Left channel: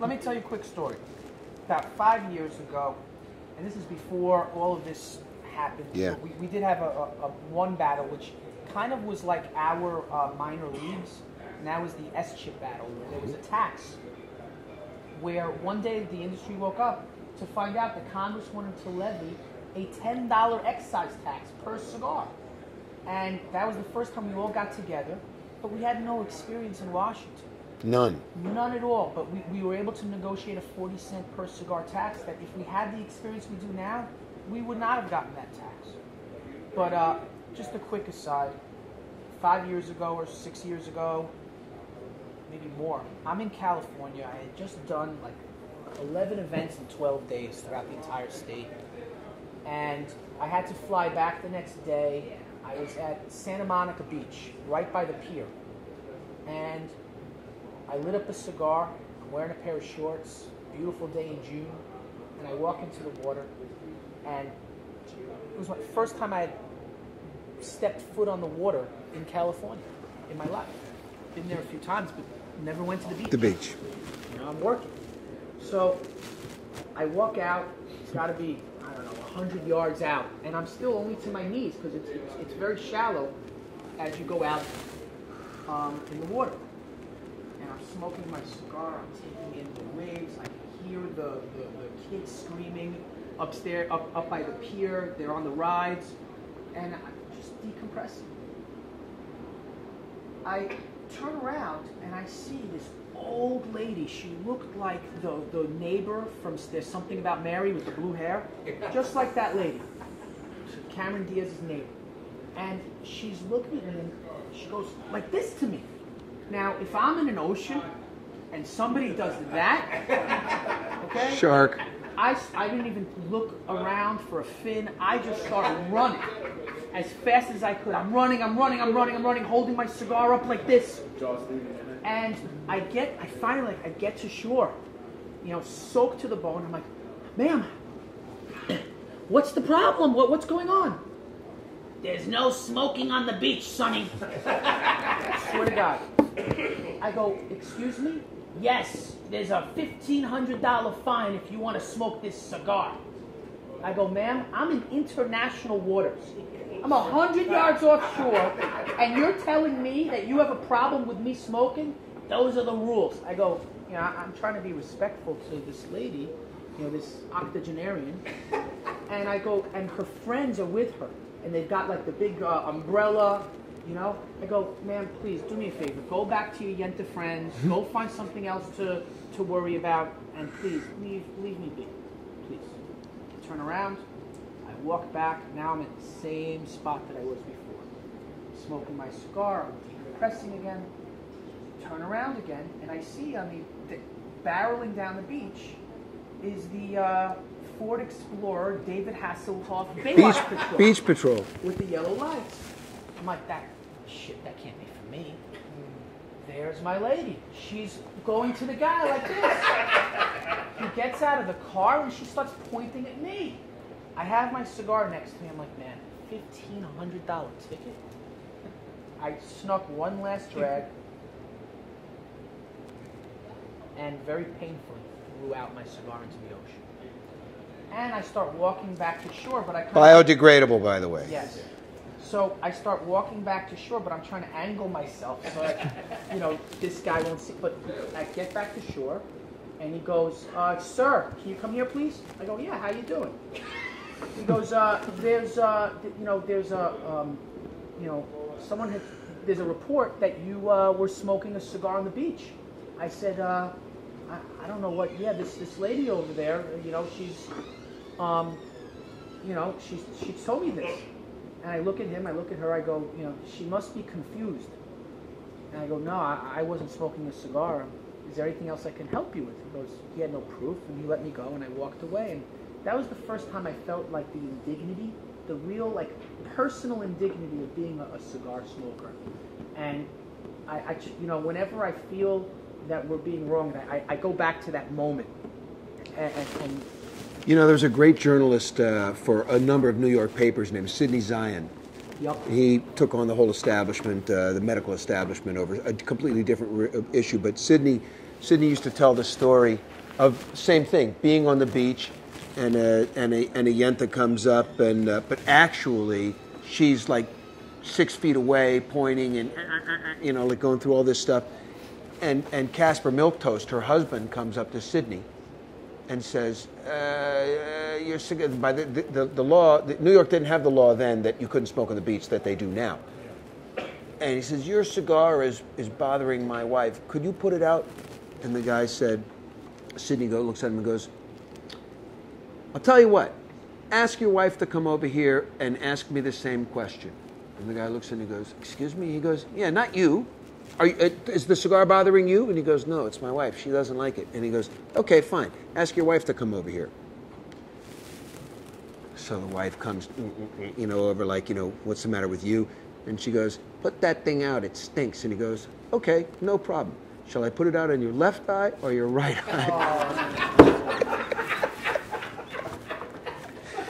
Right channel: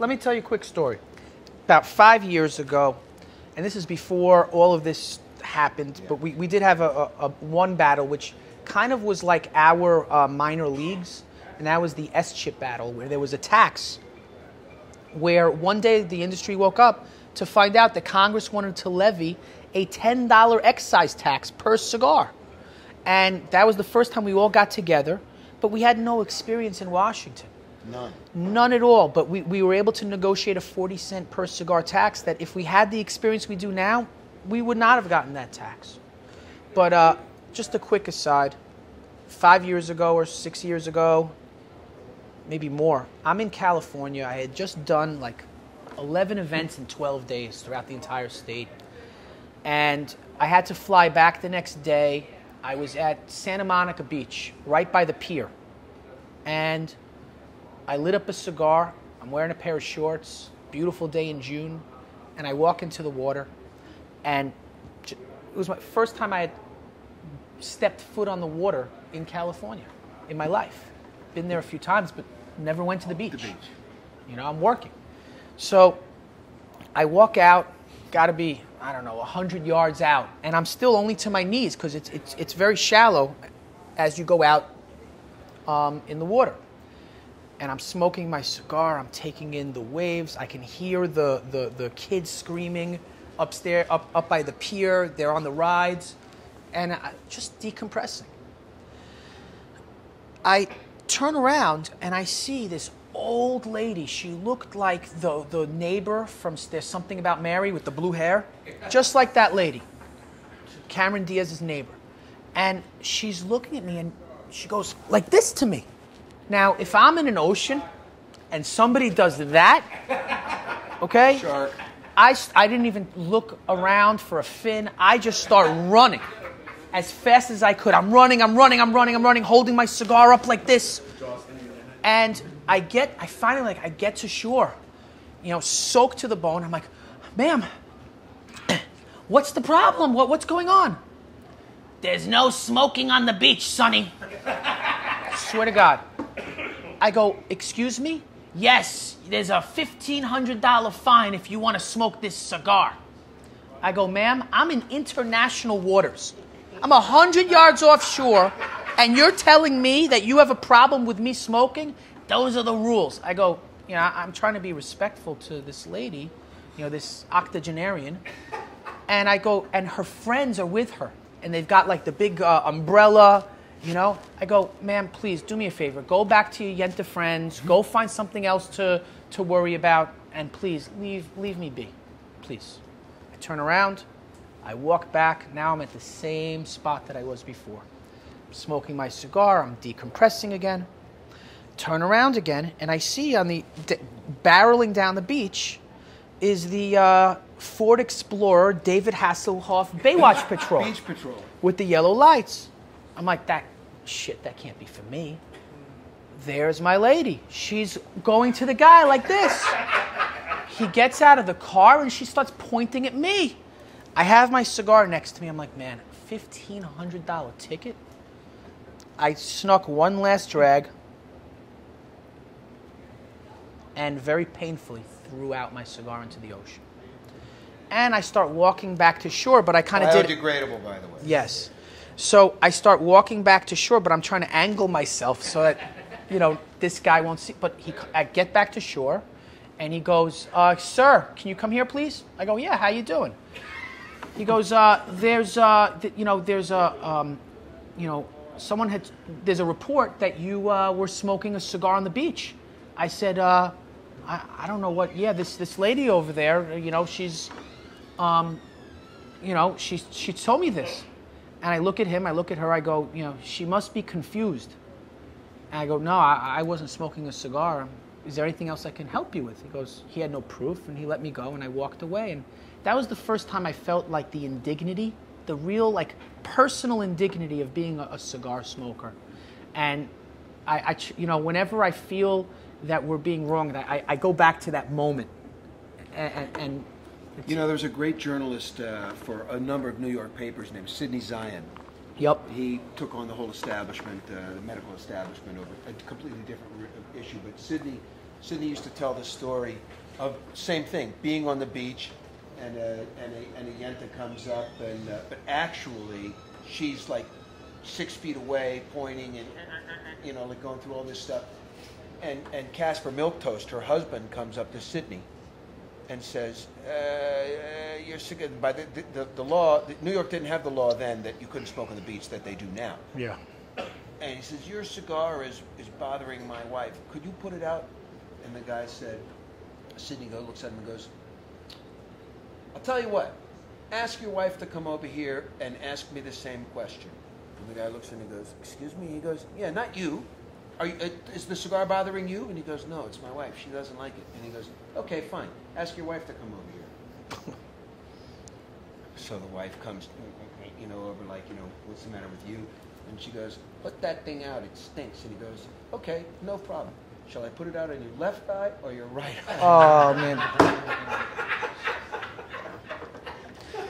let me tell you a quick story. About 5 years ago, and this is before all of this happened, but we did have a one battle, which kind of was like our minor leagues, and that was the S-chip battle, where there was a tax, where one day the industry woke up to find out that Congress wanted to levy a $10 excise tax per cigar. And that was the first time we all got together, but we had no experience in Washington. None. None at all, but we were able to negotiate a 40-cent per cigar tax that if we had the experience we do now, we would not have gotten that tax. But just a quick aside, 5 years ago or 6 years ago, maybe more, I'm in California. I had just done like 11 events in 12 days throughout the entire state. And I had to fly back the next day. I was at Santa Monica Beach, right by the pier. And I lit up a cigar. I'm wearing a pair of shorts, beautiful day in June. And I walk into the water. And it was my first time I had stepped foot on the water in California in my life. Been there a few times, but never went to the beach. The beach. You know, I'm working. So I walk out, gotta be, I don't know, 100 yards out, and I'm still only to my knees because it's very shallow as you go out in the water. And I'm smoking my cigar, I'm taking in the waves, I can hear the kids screaming upstairs, up by the pier, they're on the rides, and just decompressing. I turn around and I see this old lady. She looked like the neighbor from There's Something About Mary with the blue hair. Just like that lady. Cameron Diaz's neighbor. And she's looking at me and she goes like this to me. Now, if I'm in an ocean and somebody does that, okay? Shark. I didn't even look around for a fin. I just start running as fast as I could. I'm running, holding my cigar up like this. And I finally get to shore, you know, soaked to the bone. I'm like, ma'am, what's the problem? What's going on? There's no smoking on the beach, Sonny. Swear to God. I go, excuse me? Yes, there's a $1,500 fine if you want to smoke this cigar. I go, ma'am, I'm in international waters. I'm 100 yards offshore, and you're telling me that you have a problem with me smoking? Those are the rules. I go, you know, I'm trying to be respectful to this lady, you know, this octogenarian. And I go, and her friends are with her, and they've got like the big umbrella, you know. I go, ma'am, please do me a favor. Go back to your Yenta friends. Go find something else to worry about, and please leave me be, please. I turn around. I walk back. Now I'm at the same spot that I was before. I'm smoking my cigar. I'm decompressing again. Turn around again, and I see on the barreling down the beach is the Ford Explorer David Hasselhoff Baywatch Patrol. Beach Patrol. With the yellow lights. I'm like, that can't be for me. There's my lady. She's going to the guy like this. He gets out of the car, and she starts pointing at me. I have my cigar next to me. I'm like, man, $1,500 ticket? I snuck one last drag and very painfully threw out my cigar into the ocean. And I start walking back to shore, but I kind of biodegradable, by the way. Yes. So I start walking back to shore, but I'm trying to angle myself so that, you know, this guy won't see. But I get back to shore, and he goes, sir, can you come here, please? I go, yeah, how you doing? He goes, there's a report that you were smoking a cigar on the beach. I said, I don't know what, yeah, this lady over there, you know, she's, she told me this. And I look at him, I look at her, I go, you know, she must be confused. And I go, no, I wasn't smoking a cigar. Is there anything else I can help you with? He goes, he had no proof, and he let me go, and I walked away. And that was the first time I felt like the indignity, the real, like, personal indignity of being a cigar smoker. And I you know, whenever I feel that we're being wronged, I go back to that moment. And you know, there's a great journalist for a number of New York papers named Sidney Zion. Yep. He took on the whole establishment, the medical establishment, over a completely different issue. But Sidney Sydney used to tell the story of same thing, being on the beach, and a yenta comes up, and but actually she's like 6 feet away, pointing and like going through all this stuff, and Casper Milquetoast, her husband, comes up to Sydney, and says, "You're by the law. New York didn't have the law then that you couldn't smoke on the beach that they do now." Yeah. And he says, "Your cigar is bothering my wife. Could you put it out?" And the guy said, Sydney looks at him and goes, "I'll tell you what. Ask your wife to come over here and ask me the same question." And the guy looks at him and he goes, "Excuse me?" He goes, "Yeah, not you. Is the cigar bothering you?" And he goes, "No, it's my wife. She doesn't like it." And he goes, "Okay, fine. Ask your wife to come over here." So the wife comes, over like, "What's the matter with you?" And she goes, "Put that thing out. It stinks." And he goes, "Okay, no problem. Shall I put it out on your left eye or your right eye?" Oh, man.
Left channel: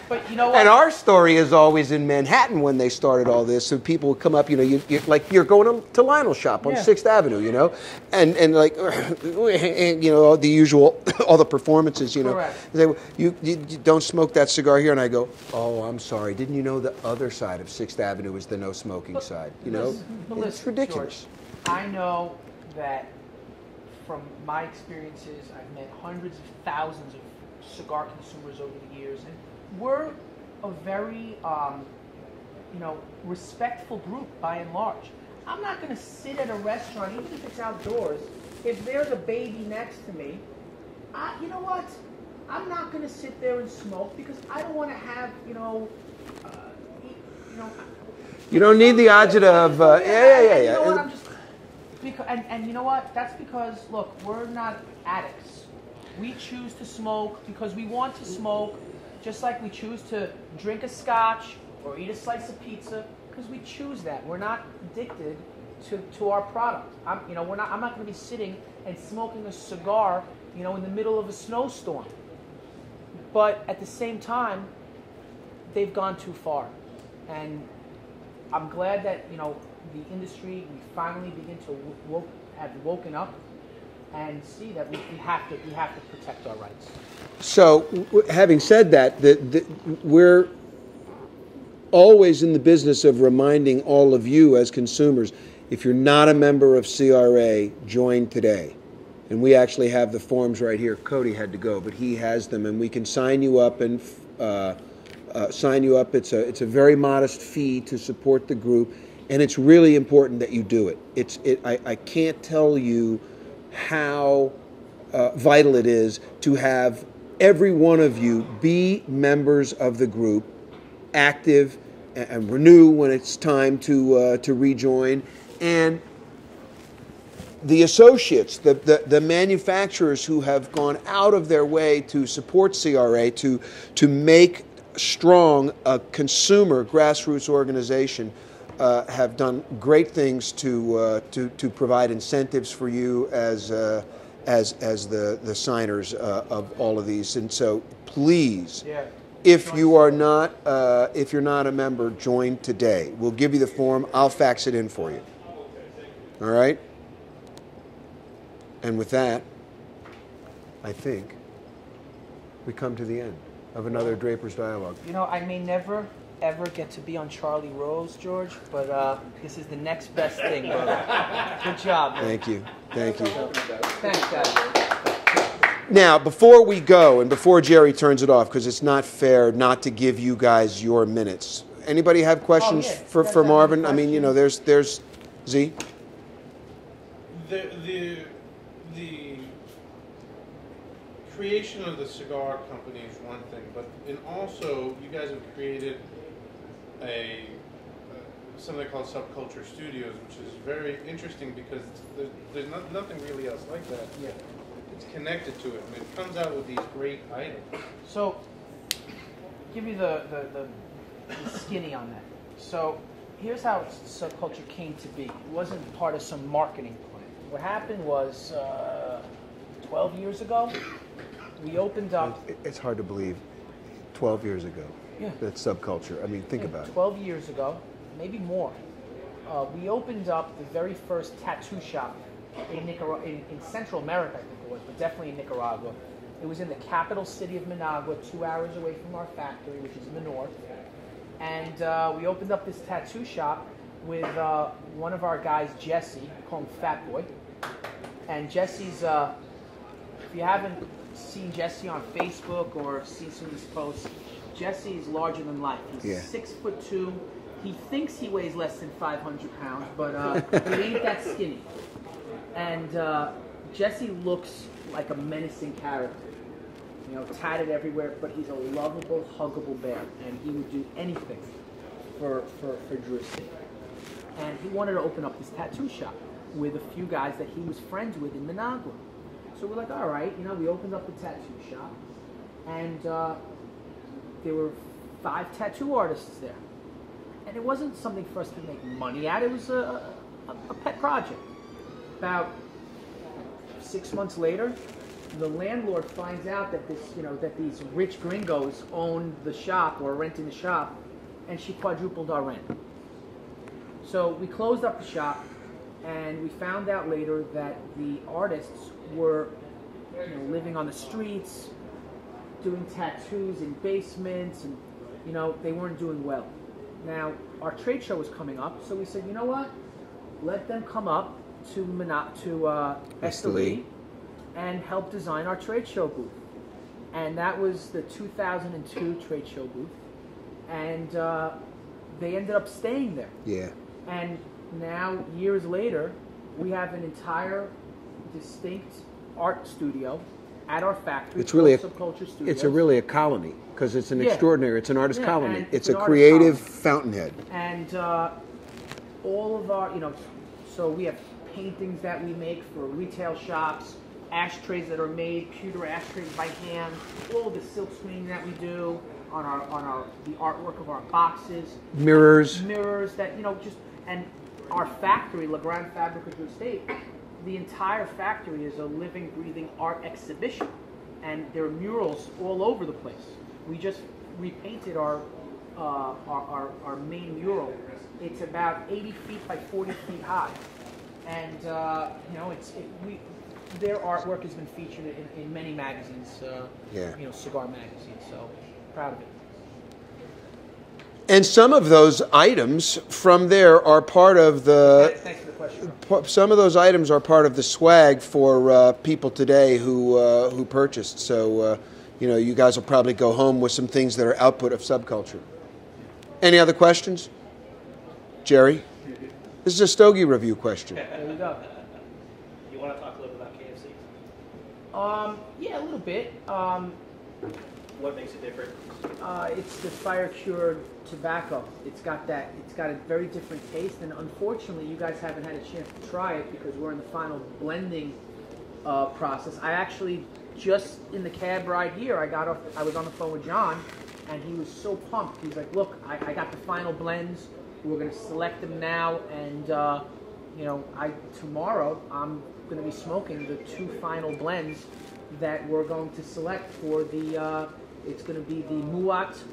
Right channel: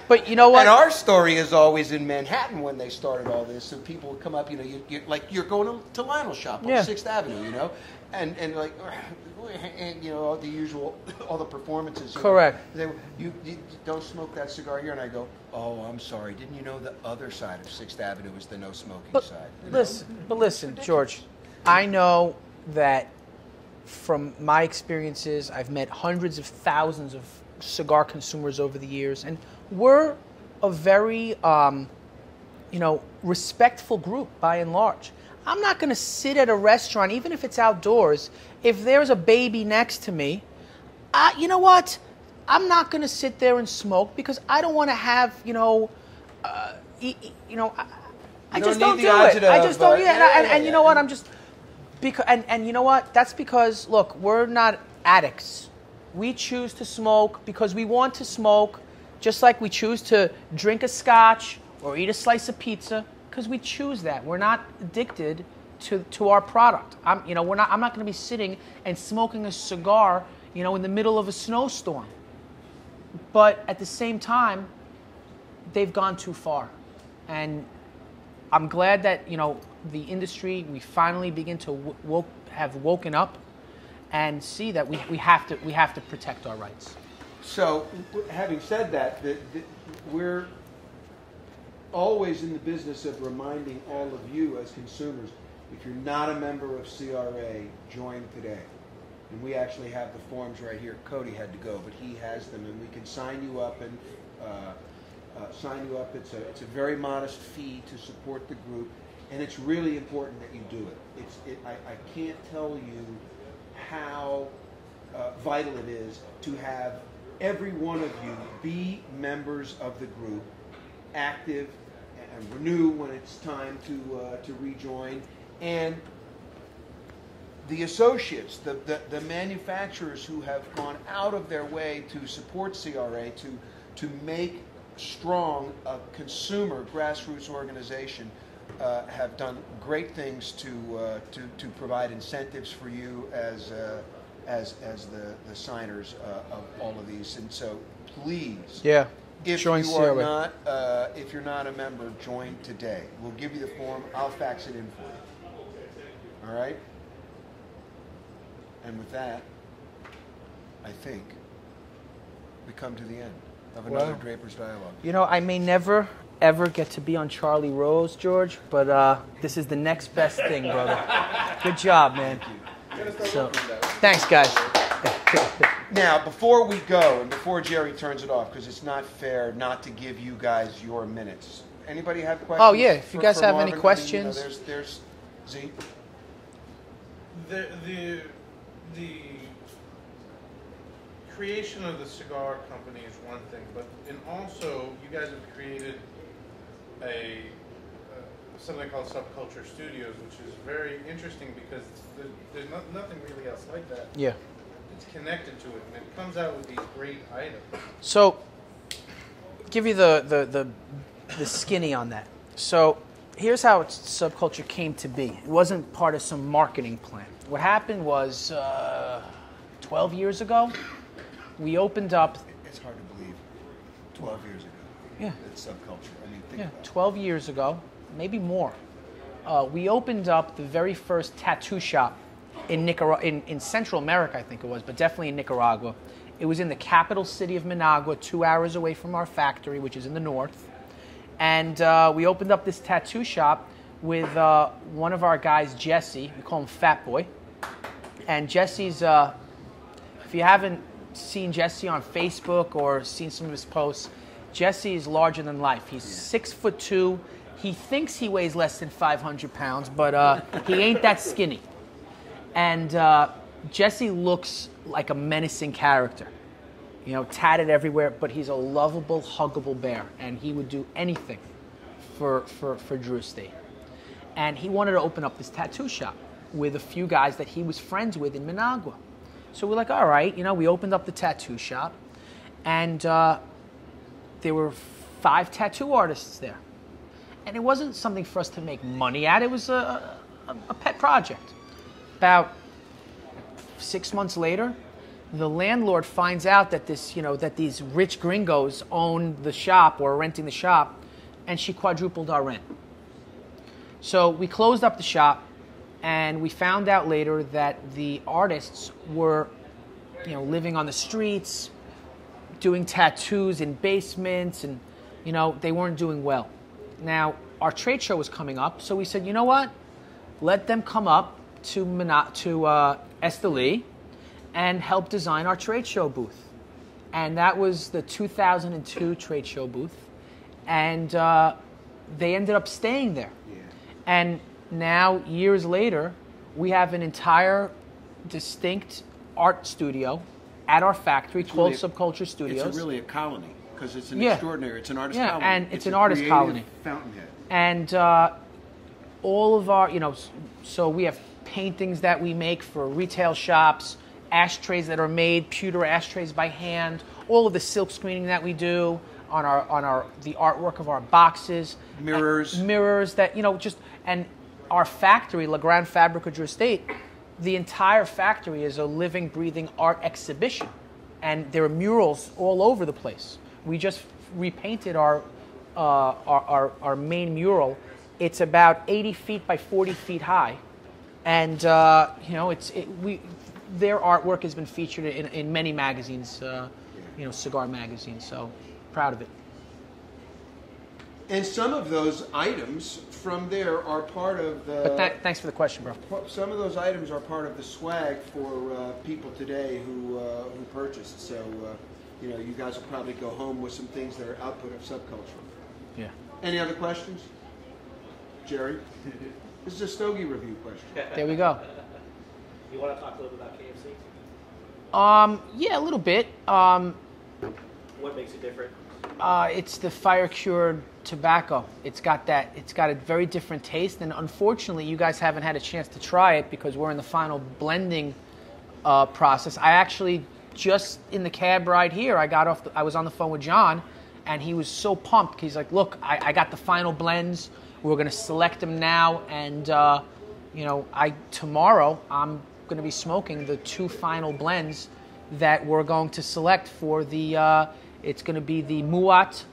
But you know what? And our story is always in Manhattan when they started all this. So people would come up, you're going to Lionel's shop on 6th Avenue, and like, the usual, all the performances, Correct. They say, you don't smoke that cigar here. And I go, "Oh, I'm sorry. Didn't you know the other side of 6th Avenue is the no smoking side?" Listen, George, I know that from my experiences, I've met hundreds of thousands of cigar consumers over the years, and we're a very, respectful group by and large. I'm not going to sit at a restaurant, even if it's outdoors, if there's a baby next to me. You know what? I'm not going to sit there and smoke because I don't want to have, You don't need the adjective of. And you know what? I'm just because, and you know what? That's because, look, we're not addicts. We choose to smoke because we want to smoke, just like we choose to drink a scotch or eat a slice of pizza, because we choose that. We're not addicted to our product. I'm not going to be sitting and smoking a cigar, in the middle of a snowstorm. But at the same time, they've gone too far, and I'm glad that the industry, we finally begin to have woken up and see that we have to protect our rights. So, having said that, we're always in the business of reminding all of you as consumers, if you're not a member of CRA, join today. And we actually have the forms right here. Cody had to go, but he has them, and we can sign you up and sign you up. It's a very modest fee to support the group, and it's really important that you do it. I can't tell you how vital it is to have every one of you be members of the group, active, and renew when it's time to rejoin, and the associates, the manufacturers who have gone out of their way to support CRA, to make strong a consumer grassroots organization, have done great things to provide incentives for you as the signers of all of these. And so, please, if you're not a member, join today. We'll give you the form. I'll fax it in for you. All right. And with that, I think we come to the end of another Draper's Dialogue. I may never, ever get to be on Charlie Rose, George, but this is the next best thing, brother. Good job, man. Thank you. Thank you. Thanks, guys. Now, before we go, and before Jerry turns it off, because it's not fair not to give you guys your minutes. Anybody have questions for Marvin? Any questions? I mean, there's Z. The creation of the cigar company is one thing, and also you guys have created something called Subculture Studios, which is very interesting because there's nothing really else like that. Yeah. It's connected to it, and it comes out with these great items. So, give you the skinny on that. So, here's how Subculture came to be. It wasn't part of some marketing plan. What happened was 12 years ago, we opened up. It's hard to believe. 12 years ago. Yeah. That's Subculture. I mean, think about it. 12 years ago, maybe more. We opened up the very first tattoo shop in Nicaragua, in Central America, I think it was, but definitely in Nicaragua. It was in the capital city of Managua, 2 hours away from our factory, which is in the north. And we opened up this tattoo shop with one of our guys, Jesse. We call him Fat Boy. And Jesse's, if you haven't seen Jesse on Facebook or seen some of his posts, Jesse is larger than life. He's 6'2". He thinks he weighs less than 500 pounds, but he ain't that skinny. And Jesse looks like a menacing character, you know, tatted everywhere, but he's a lovable, huggable bear, and he would do anything for Drew State. And he wanted to open up this tattoo shop with a few guys that he was friends with in Managua. So we're like, all right, you know, we opened up the tattoo shop, and there were 5 tattoo artists there. And it wasn't something for us to make money at. It was a pet project. About 6 months later, the landlord finds out that that these rich gringos own the shop or are renting the shop, and she quadrupled our rent. So we closed up the shop, and we found out later that the artists were, you know, living on the streets, doing tattoos in basements, and, you know, they weren't doing well. Now, our trade show was coming up, so we said, you know what? Let them come up to Esteli and help design our trade show booth. And that was the 2002 trade show booth. And they ended up staying there. Yeah. And now, years later, we have an entire distinct art studio at our factory called Subculture Studios. It's really a colony, because it's an extraordinary, it's an artist colony. And it's an a artist creative colony. fountainhead. And all of our, you know, so we have paintings that we make for retail shops, ashtrays that are made, pewter ashtrays by hand, all of the silk screening that we do on the artwork of our boxes. Mirrors that, you know, just, and our factory, La Gran Fabrica Drew Estate, the entire factory is a living, breathing art exhibition. And there are murals all over the place. We just repainted our main mural. It's about 80 feet by 40 feet high. And, you know, their artwork has been featured in many magazines, you know, cigar magazines, so proud of it. And some of those items from there are part of the... Thanks for the question, bro. Some of those items are part of the swag for people today who purchased. So, you know, you guys will probably go home with some things that are output of Subculture. Yeah. Any other questions? Jerry? This is a Stogie review question. There we go. You want to talk a little bit about KFC? Yeah, a little bit. What makes it different? It's the fire-cured tobacco. It's got a very different taste, and unfortunately, you guys haven't had a chance to try it because we're in the final blending process. I actually, just in the cab ride here, I was on the phone with John, and he was so pumped. He's like, look, I got the final blends. We're going to select them now, and you know, tomorrow I'm going to be smoking the 2 final blends that we're going to select for the. It's going to be the Muat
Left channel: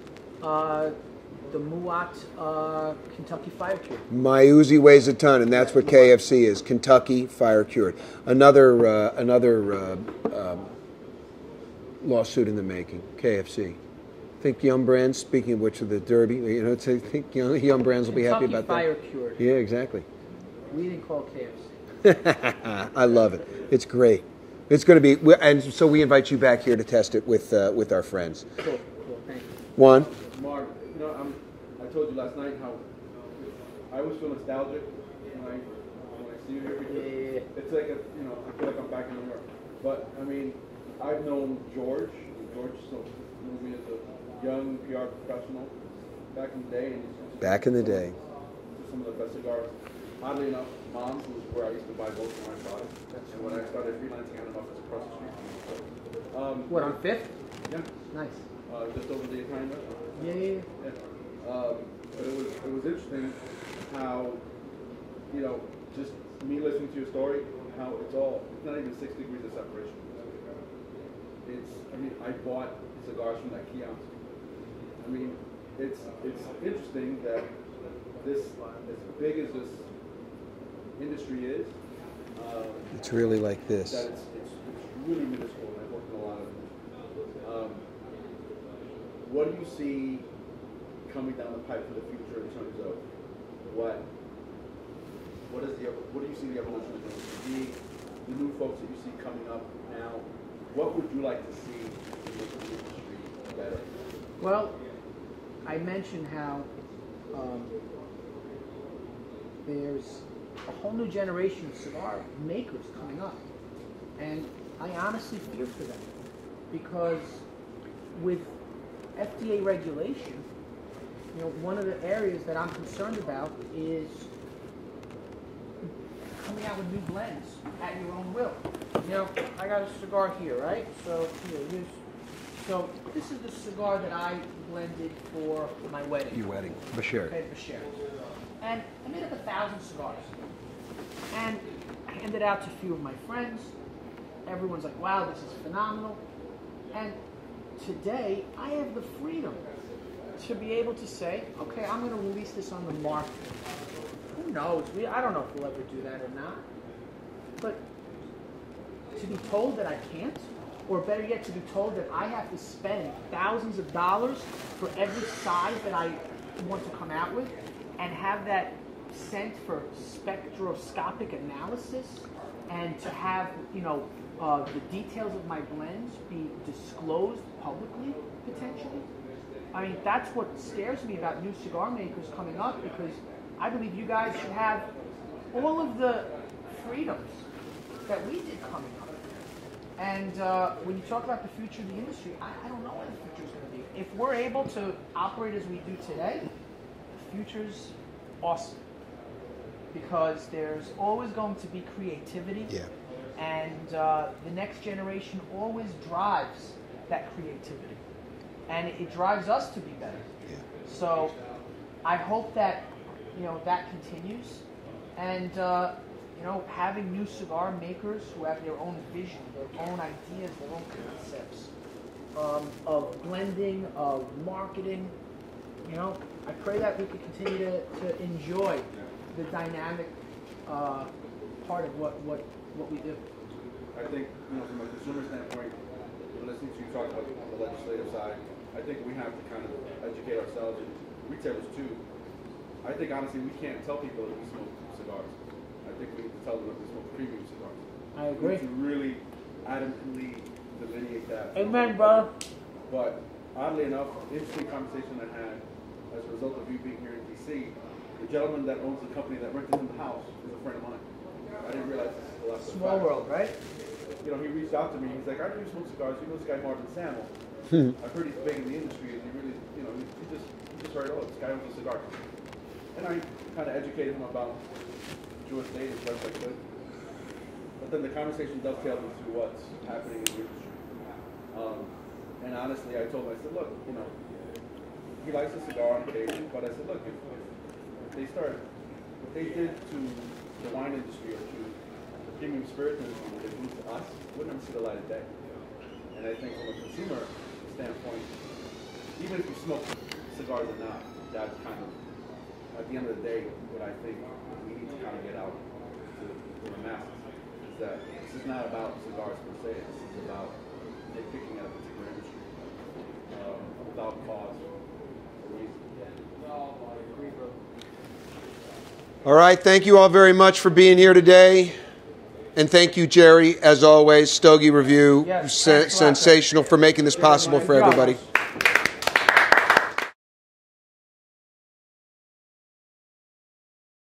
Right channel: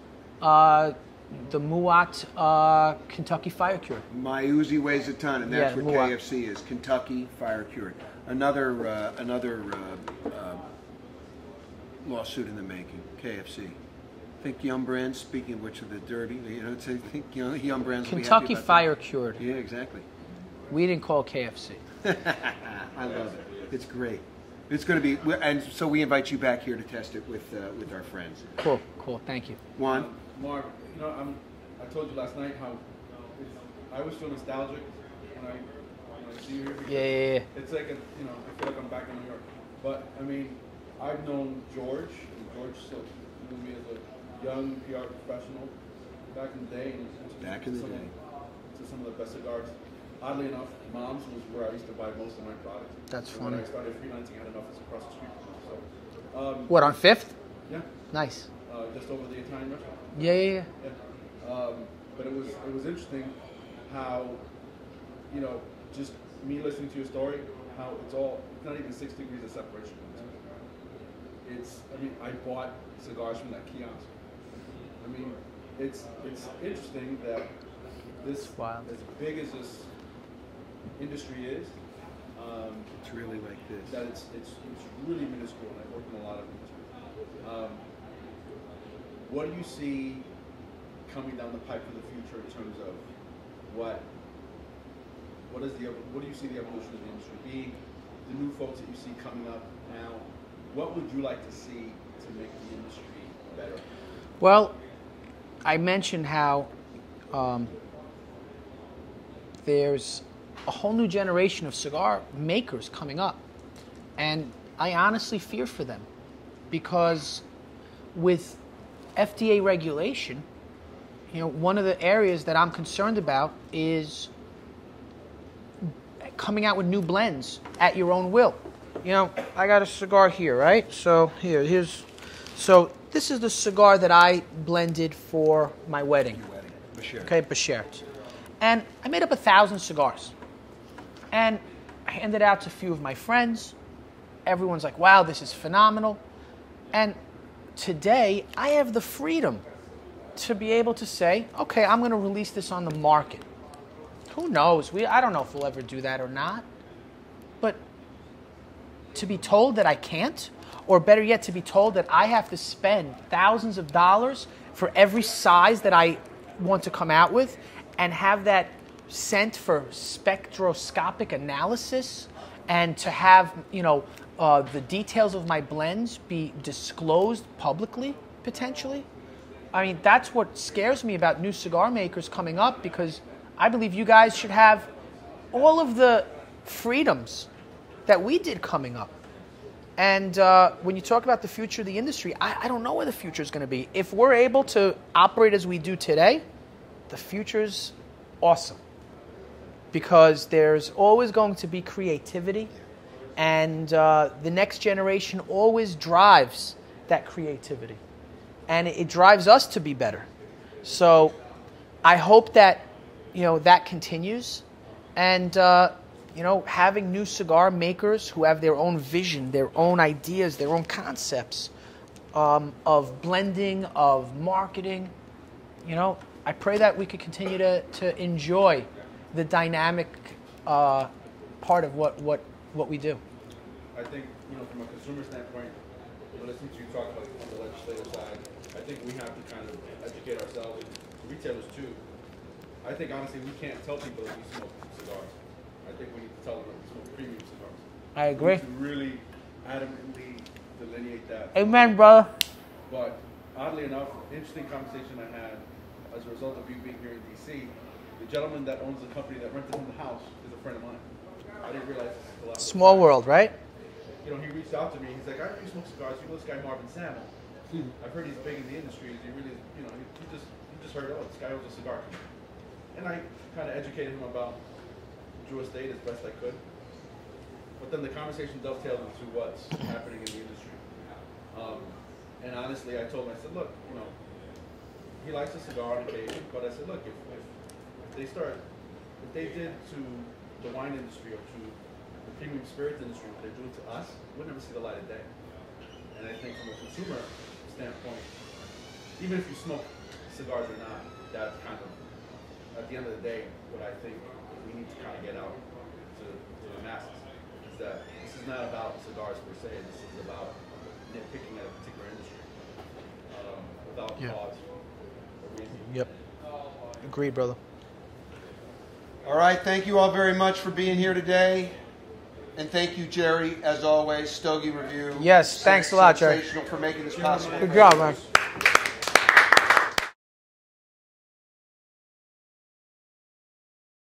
Kentucky Fire Cured. My Uzi weighs a ton, and that's what KFC is. Kentucky Fire Cured. Another lawsuit in the making. KFC. I think Yum Brands, speaking of which, of the Derby, you know, I think Yum Brands will be happy about that. Kentucky Fire Cured. Yeah, exactly. We didn't call KFC. I love it. It's great. It's going to be, and so we invite you back here to test it with our friends. Cool. Thank you. Juan? Mark, you know, I told you last night how I always feel nostalgic when I see you here. Because Yeah. It's like, you know, I feel like I'm back in New York. But, I mean, I've known George. George still knew me as a young PR professional back in the day. Back in the day. To some of the best cigars. Oddly enough, Mom's was where I used to buy most of my products. That's When funny. I started freelancing out of office across the street. So, What, on 5th? Yeah. Nice. Just over the Italian restaurant. Yeah. But it was interesting how, you know, just me listening to your story, how it's not even 6 degrees of separation. I bought cigars from that kiosk. I mean, it's interesting that this, Wow. as big as this industry is, It's really like this. That it's really minuscule, and I've worked in a lot of them. What do you see coming down the pipe for the future in terms of what do you see the evolution is going to be? The new folks that you see coming up now, what would you like to see to make the industry better? Well, I mentioned how there's a whole new generation of cigar makers coming up, and I honestly fear for them, because with FDA regulation, you know, one of the areas that I'm concerned about is coming out with new blends at your own will. You know, I got a cigar here, right? So so this is the cigar that I blended for my wedding. Your wedding, Bashir. Okay, Bashir. And I made up 1,000 cigars. And I handed out to a few of my friends. Everyone's like, wow, this is phenomenal. And today, I have the freedom to be able to say, okay, I'm going to release this on the market. Who knows? I don't know if we'll ever do that or not. But to be told that I can't, or better yet, to be told that I have to spend thousands of dollars for every size that I want to come out with, and have that sent for spectroscopic analysis, and to have, you know, the details of my blends be disclosed publicly, potentially. I mean, that's what scares me about new cigar makers coming up, because I believe you guys should have all of the freedoms that we did coming up. And when you talk about the future of the industry, I don't know where the future is going to be. If we're able to operate as we do today, the future's awesome. Because there's always going to be creativity. Yeah. And the next generation always drives that creativity. And it drives us to be better. So I hope that, you know, that continues. And, you know, having new cigar makers who have their own vision, their own ideas, their own concepts of blending, of marketing, you know, I pray that we could continue to enjoy the dynamic part of what we do. I think, you know, from a consumer standpoint, listening to you talk about on the legislative side, I think we have to kind of educate ourselves, and retailers too. I think honestly we can't tell people that we smoke cigars. I think we need to tell them that we smoke premium cigars. I agree. We need to really adamantly delineate that. Amen, brother. But oddly enough, interesting conversation I had as a result of you being here in DC. The gentleman that owns the company that rented him the house is a friend of mine. I didn't realize this until after. Small world, right? You know, he reached out to me. He's like, I really smoke cigars. You know this guy Marvin Samel. I've heard he's big in the industry. Is he really, you know, he just heard, oh, this guy owns a cigar company. And I kind of educated him about Jewish state as best I could. But then the conversation dovetailed into what's happening in the industry. And honestly, I told him, I said, look, you know, he likes a cigar on occasion, but I said, look, if what they did to the wine industry or to the premium spirit industry, what they do to us, we'll never see the light of day. And I think from a consumer standpoint, even if you smoke cigars or not, that's kind of, at the end of the day, what I think we need to kind of get out to the masses, is that this is not about cigars per se, this is about nitpicking at a particular industry without cause or reason. Yep. Agreed, brother. All right, thank you all very much for being here today. And thank you, Jerry, as always. Stogie Review. Yes, thanks a lot, Jerry. sensational for making this possible for Good job, everybody. man.